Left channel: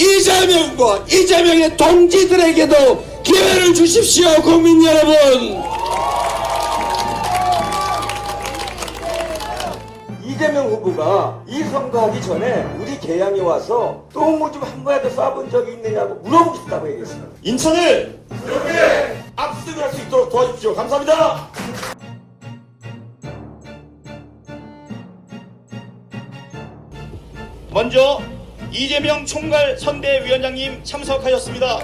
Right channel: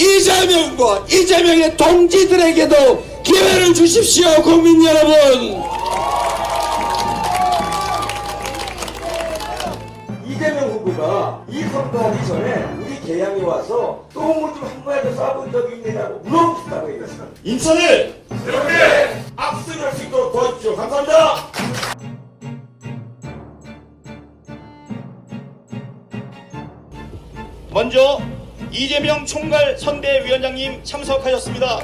이재명과 이재명의 동지들에게도 기회를 주십시오, 국민 여러분. 이재명 후보가 이 선거하기 전에 우리 개항에 와서 똥을 좀 한 번에도 쏴본 적이 있느냐고 물어보고 싶다고 얘기했습니다. 인천을 이렇게 압승할 수 있도록 도와주십시오. 감사합니다. 먼저 이재명 총괄 선대위원장님 참석하셨습니다.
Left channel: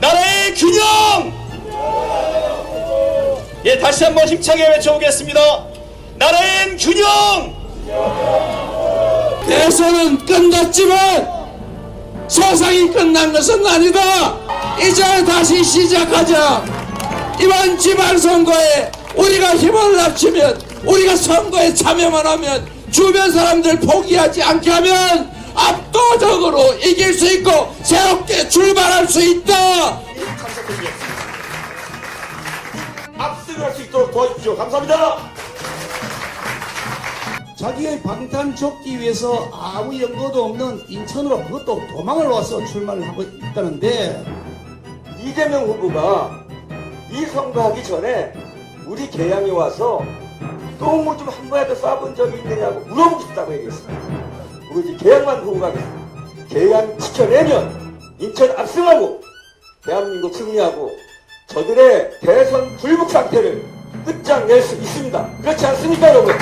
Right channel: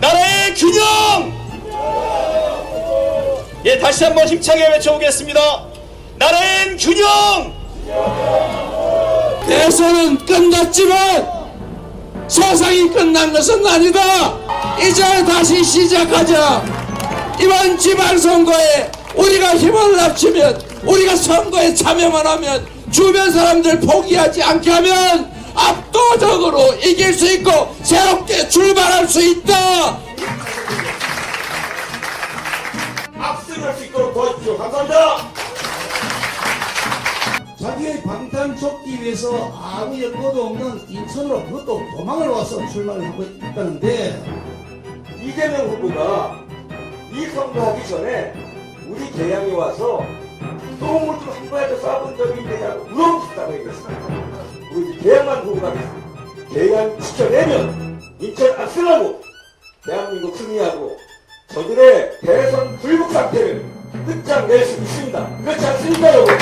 나라의 균형! 예, 다시 한번 힘차게 외쳐보겠습니다. 나라의 균형! 대선은 끝났지만 세상이 끝난 것은 아니다. 이제 다시 시작하자. 이번 지방선거에 우리가 힘을 합치면 우리가 선거에 참여만 하면 주변 사람들 포기하지 않게 하면 압도적으로 이길 수 있고 새롭게 출발할 수 있다. 압승할 수 있도록 도와주십시오. 감사합니다. 자기의 방탄 좁기 위해서 아무 연고도 없는 인천으로 그것도 도망을 와서 출마를 하고 있다는데 이재명 후보가 이 선거하기 전에 우리 개항에 와서 똥을 좀한 번에도 쏴본 적이 있느냐고 물어보고 싶다고 얘기했습니다. 우리 개항만 보고 가겠습니다. 개항 지켜내면 인천 압승하고 대한민국 승리하고 저들의 대선 불복 상태를 끝장낼 수 있습니다. 그렇지 않습니까 여러분?